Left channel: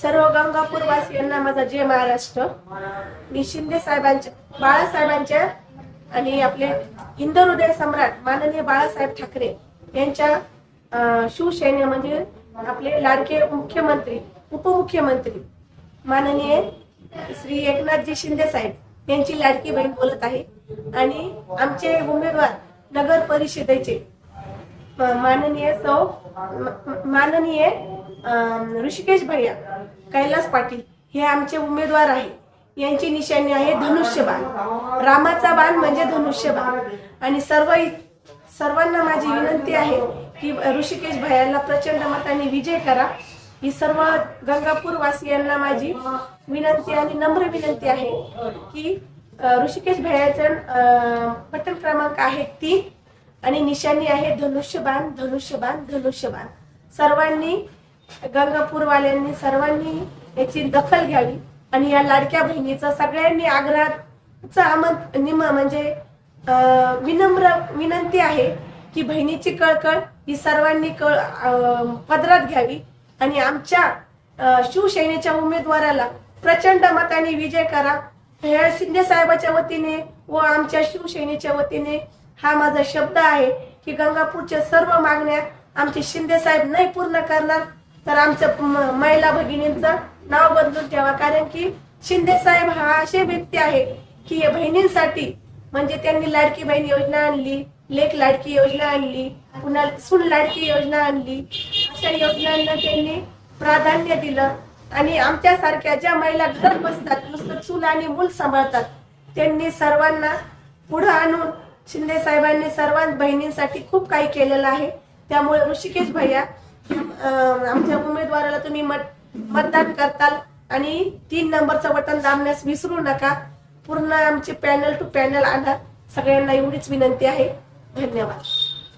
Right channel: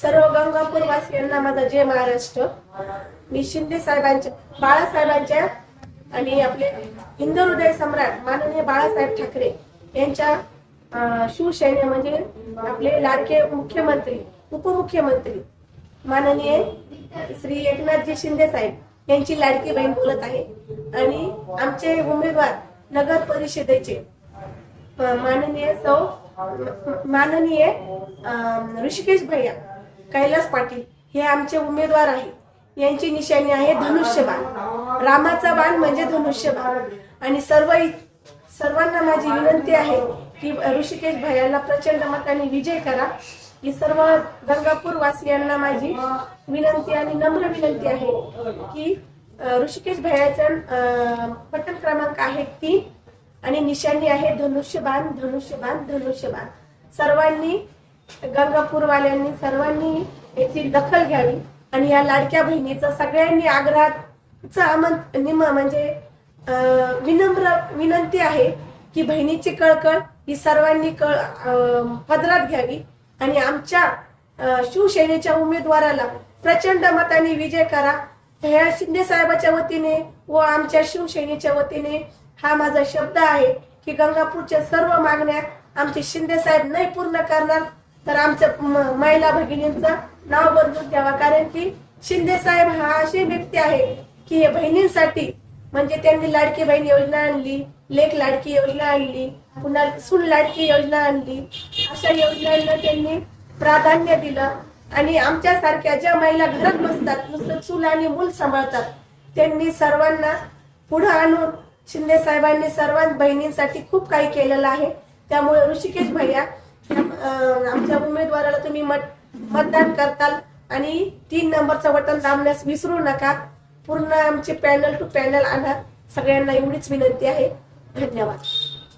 सर्व गंगापूर वासियांना माझा जय महाराष्ट्र। मी शिंदे साहेबांच्या, बाळासाहेबांच्या आणि आपले हिंदू हृदय सम्राट माननीय बाळासाहेब ठाकरे यांच्या शिवसैन्य म्हणजे आपले लाडके मुख्यमंत्री, उपमुख्यमंत्री माननीय श्री एकनाथजी शिंदे साहेब यांची लाडकी बहीण बोलत आहे। आणि आमचे उमेदवार नगर परिषदेचे माननीय ऋषिकेश भैया कैलास पाटील हे आमचे उमेदवार आहे। यांची निशाणी आहे धनुष्यबाण, रामाचा बाण म्हणजे धनुष्यबाण। आणि सर्वांना माझी विनंती आहे की ऋषिकेश भैयाला प्रचंड मताने विजय करा। ही सर्व गंगापूर वासियांना माझी विनंती आणि नम्र विनंती आहे की ऋषिकेश भैयाचा बटन क्रमांक आहे 3 आणि निशाणी आहे धनुष्यबाण धनुष्यबाण धनुष्यबाण। सर्वांनी गंगापूर वाल्यांनी सर्वांनी याची दखल घ्यावी आणि या लाडक्या बहिणीचा सगळ्यांनी आग्रहाचा म्हणजे विनम्र विनंती आहे की बहिणीची कळकळ ही सर्वांनी पदरात घ्यावी आणि आमच्या शिवसेनेच्या उमेदवाराला प्रचंड मताने विजय करा। ह्या शिंदे साहेबाच्या वतीने व आमच्या शिवसेनेच्या वतीने हा माझा शब्द आहे की गंगापूरच्या सर्व मागण्या आमचे शिंदे साहेब नाही पूर्ण करणार तर आमचं महिला भगिनींचं नाव बदलून ठेवा। कारण की शिंदे साहेब हा असे व्यक्ती आहे की हे बहिणींसाठी म्हणजे त्यांनी लाडकी बहीण योजना आणली, लेक लाडकी योजना आणली, पुन्हा सून लाडकी योजना आणली, अशा योजनांना त्यांनी प्राधान्य दिलं। आणि आमच्या सारख्या ज्या महिला घरात बसतात नुसतं चूल आणि मूल सांभाळतात त्यांनी सर्वांना पुढे आणून शिंदे साहेबांनी सर्व बहिणींसाठी खूप काही केलेलं आहे। त्यामुळे ऋषिकेश भैया आमच्या उमेदवाराला तुम्ही मतदान करताल आणि 3 नंबरचं बटन दाबण्यास विसरू नका। पूर्ण आमचे पॅनल टू पॅनल आणा। सगळ्यांना एवढीच विनंती आहे। धन्यवाद।